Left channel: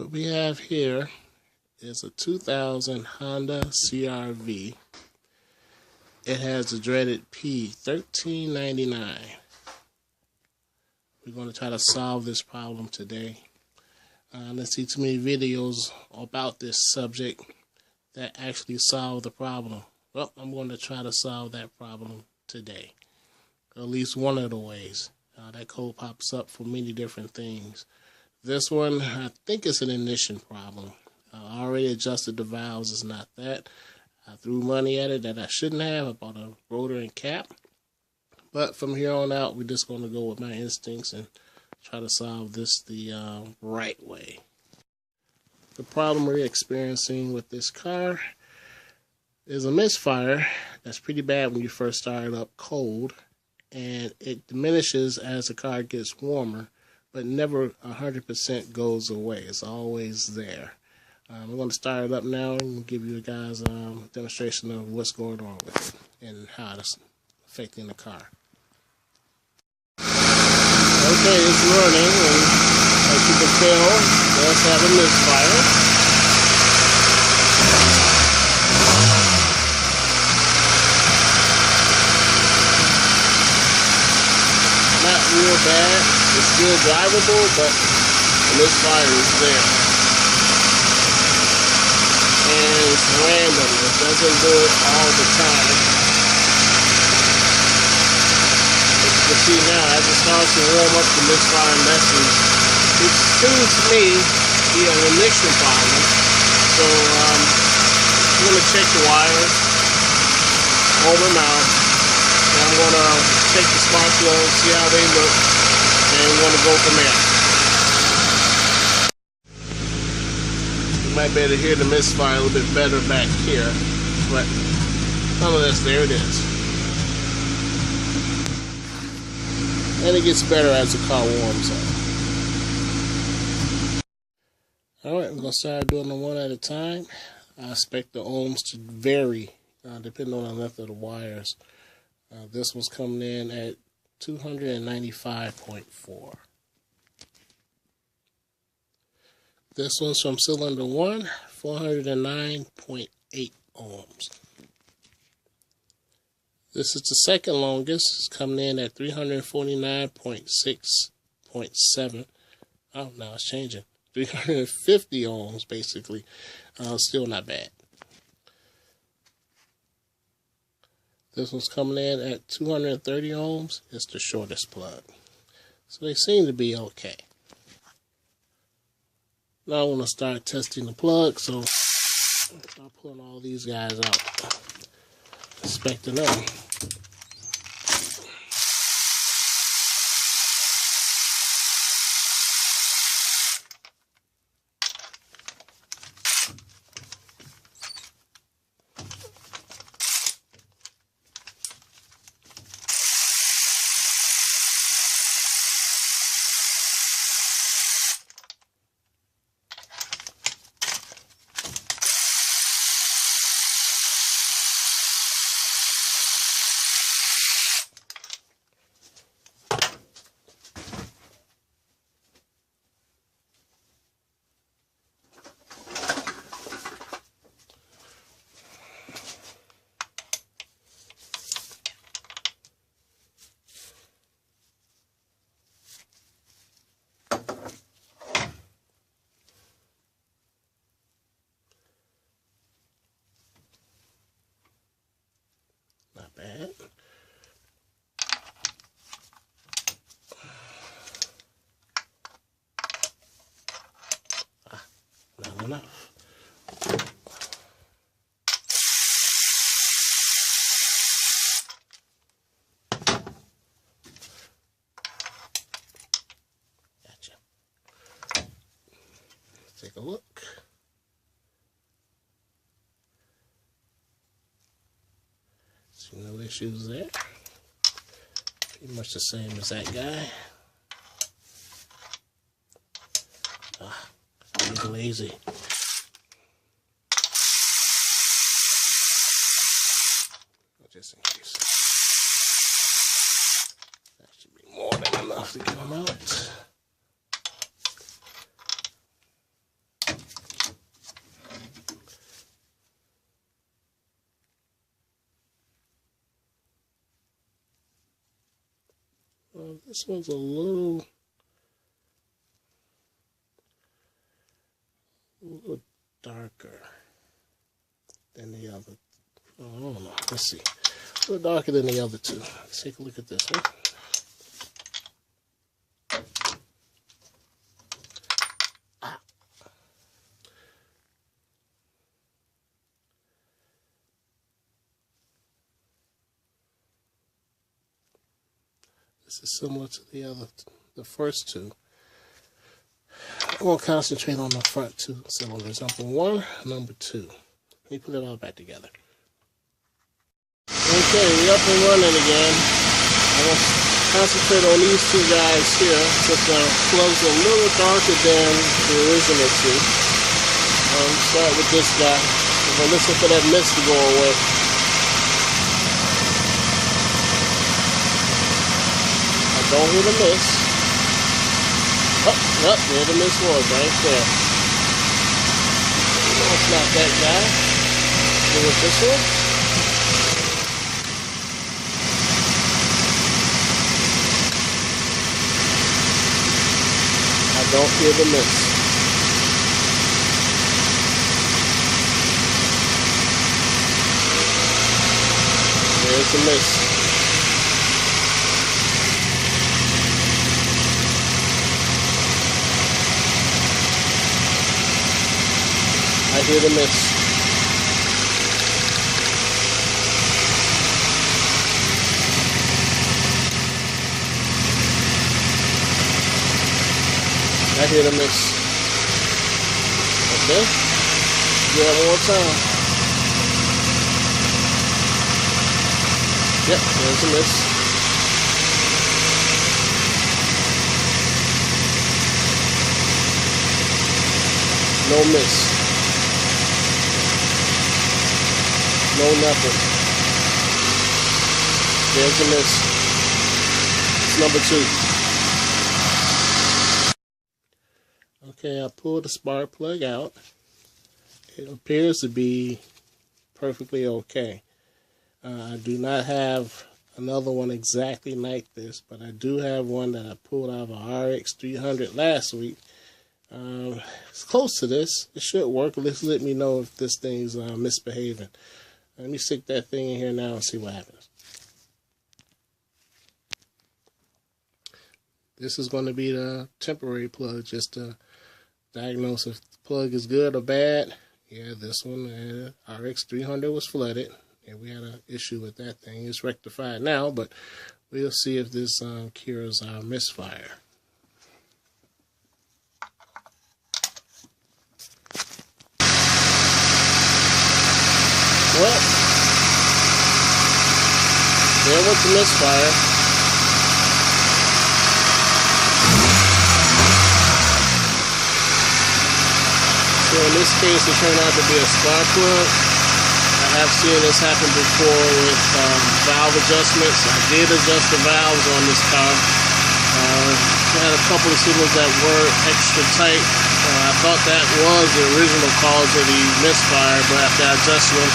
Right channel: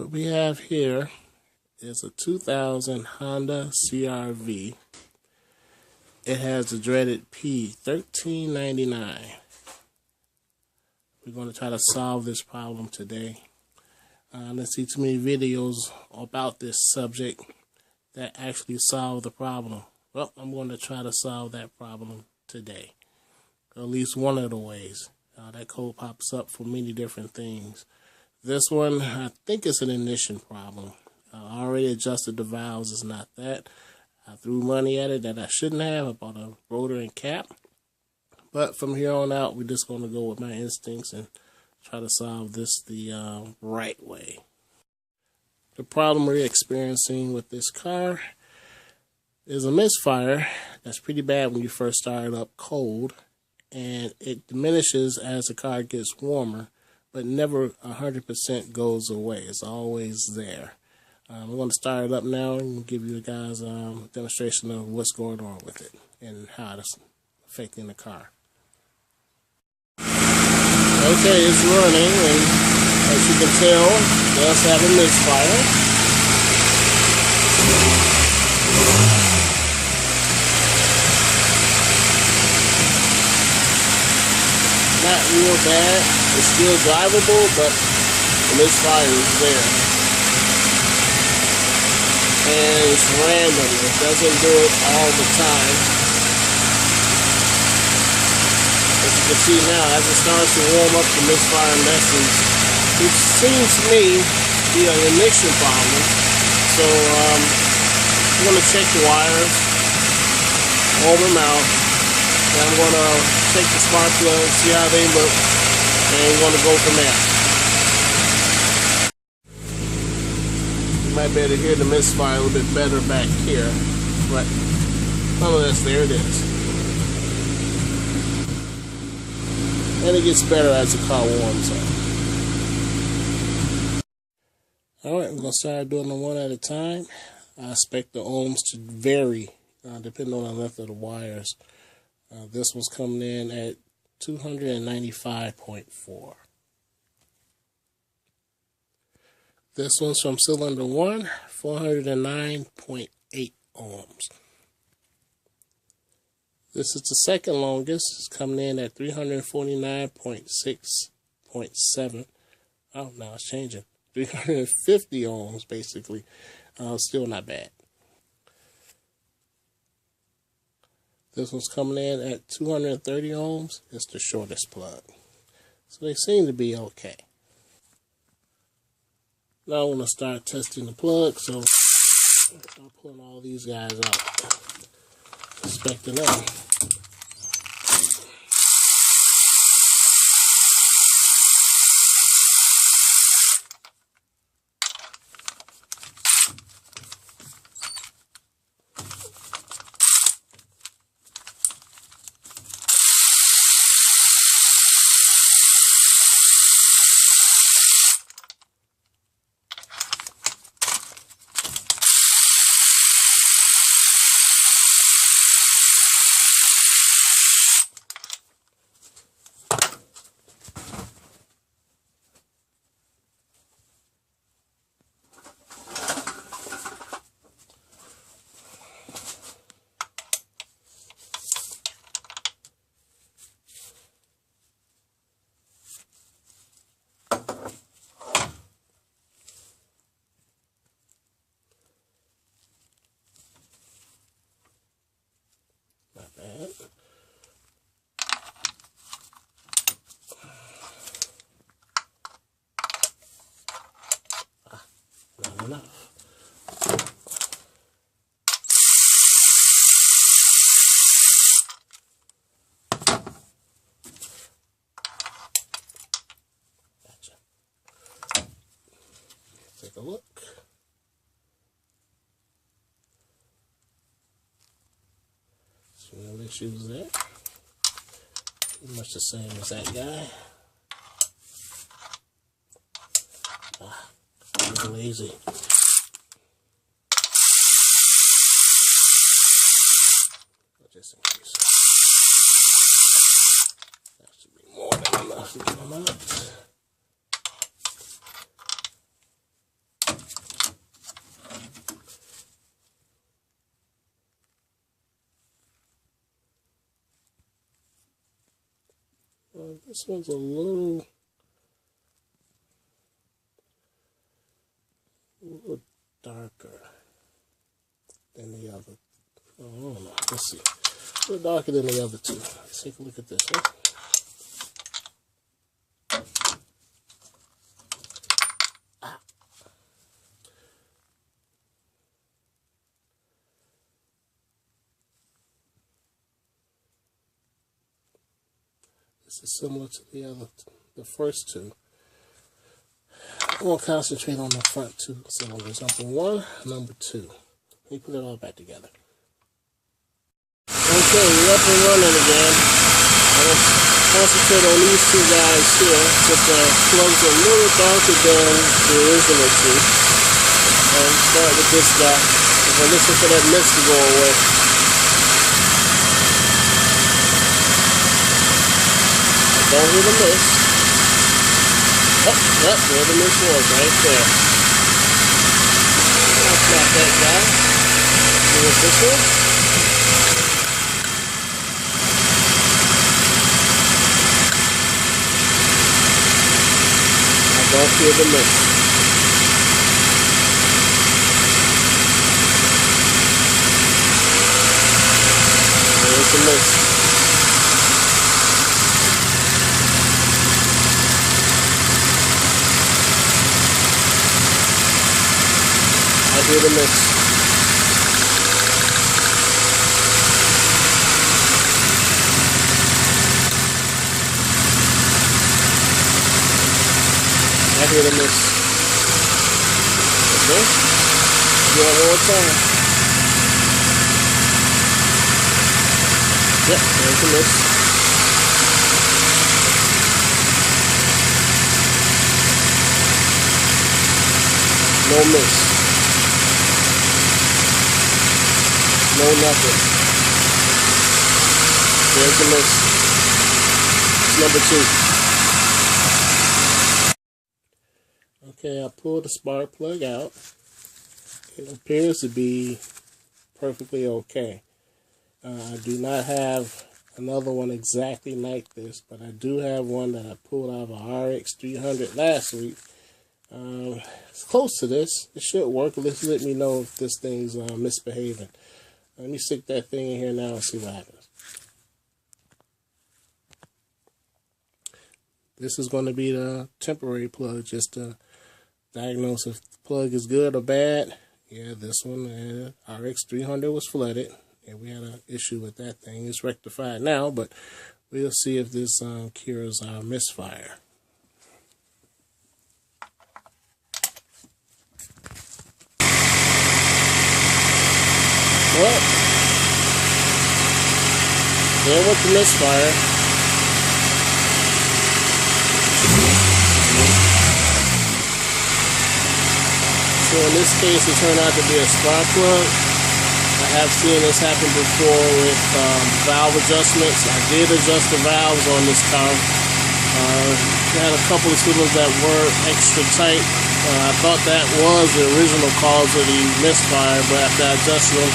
What we have here is a 2000 Honda CRV. It has the dreaded P1399. We're going to try to solve this problem today. Let's see too many videos about this subject that actually solve the problem. Well, I'm going to try to solve that problem today. At least one of the ways. That code pops up for many different things. This one, I think it's an ignition problem. I already adjusted the valves, it's not that. I threw money at it that I shouldn't have. I bought a rotor and cap. But from here on out, we're just going to go with my instincts and try to solve this the right way. The problem we're experiencing with this car is a misfire that's pretty bad when you first start it up cold. And it diminishes as the car gets warmer, but never 100% goes away. It's always there. We're going to start it up now and give you guys a demonstration of what's going on with it and how it's affecting the car. Okay, it's running, and as you can tell, it does have a misfire. Not real bad. It's still drivable, but the misfire is there. And it's random. It doesn't do it all the time. As you can see now, as it starts to warm up, the misfire lessens. It seems to me to be an ignition problem. So I'm going to check the wires, warm them out. And I'm going to check the spark plugs, see how they look, and we're going to go from there. You might be able to hear the misfire a little bit better back here, but nonetheless, there it is. And it gets better as the car warms up. Alright, we're going to start doing them one at a time. I expect the ohms to vary depending on the length of the wires. This one's coming in at 295.4. This one's from cylinder 1, 409.8 ohms. This is the second longest. It's coming in at 349.6.7. Oh, now it's changing. 350 ohms, basically. Still not bad. This one's coming in at 230 ohms. It's the shortest plug. So they seem to be okay. Now I want to start testing the plug, so I'll start pulling all these guys out. Inspecting them. Not bad. Not enough. Gotcha. Take a look. No issues there. Pretty much the same as that guy. I'm lazy. Just in case. That should be more than enough to get them out. This one's a little darker than the other. Oh, I don't know. Let's see. A little darker than the other two. Let's take a look at this one. This is similar to the first two. I'm going to concentrate on the front two cylinders. Number one, number two. Let me put it all back together. Okay, we're up and running again. I'm going to concentrate on these two guys here, since the plug's a little darker than the original two. And start with this guy. I'm going to listen for that mist to go away. I don't hear the mist. Oh, yep, there the mist was, right there. That's not that guy. Go with this one. I don't feel the mist. There's the mist. I hear the mist. I hear the mist. Okay. Do it one more time. Yep, there's the mist. No mist. No nothing. There's the mist. It's number two. Okay, I pulled the spark plug out. It appears to be perfectly okay. I do not have another one exactly like this, but I do have one that I pulled out of a RX 300 last week. It's close to this. It should work. Let me know if this thing's misbehaving. Let me stick that thing in here now and see what happens. This is going to be the temporary plug, just to diagnose if the plug is good or bad. Yeah, this one, RX 300 was flooded. Yeah, we had an issue with that thing. It's rectified now, but we'll see if this cures our misfire. Well, there went the misfire. So in this case, it turned out to be a spark plug. I have seen this happen before with valve adjustments. I did adjust the valves on this car. Had a couple of cylinders that were extra tight. I thought that was the original cause of the misfire, but after I adjusted them,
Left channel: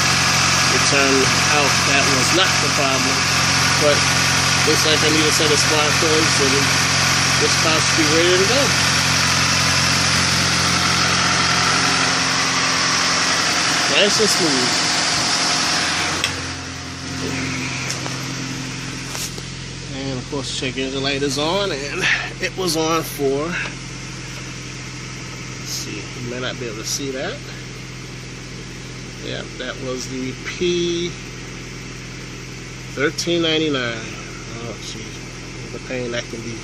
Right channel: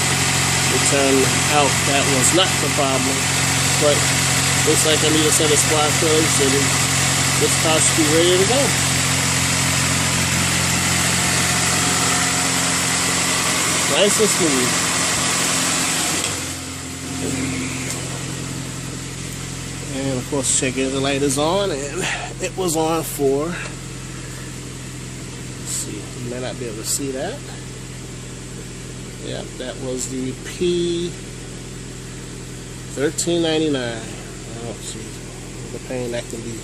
it turned out that was not the problem. But looks like I need a set of spark plugs, and this car should be ready to go. Nice and smooth. And of course, check engine light is on, and it was on for, let's see, you may not be able to see that. Yeah, that was the P1399. Oh, jeez, the pain that can be.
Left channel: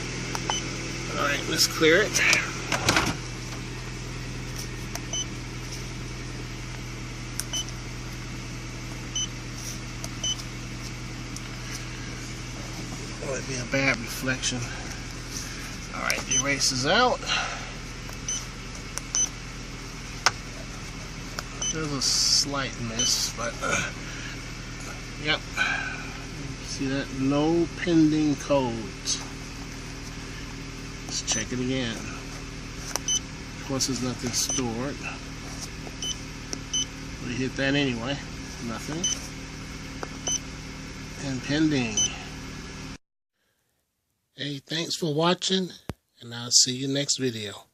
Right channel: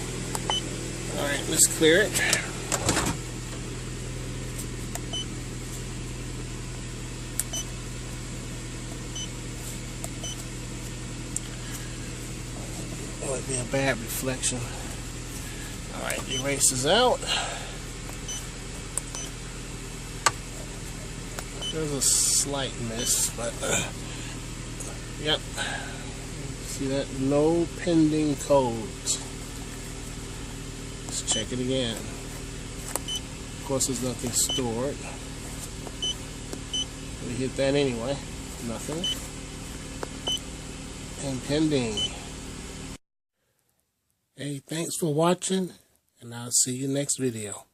All right, let's clear it. Might be a bad reflection. All right, the eraser's out. There's a slight miss, but yep. See that? No pending codes. Let's check it again. Of course, there's nothing stored. We hit that anyway. Nothing. And pending. Hey, thanks for watching, and I'll see you next video.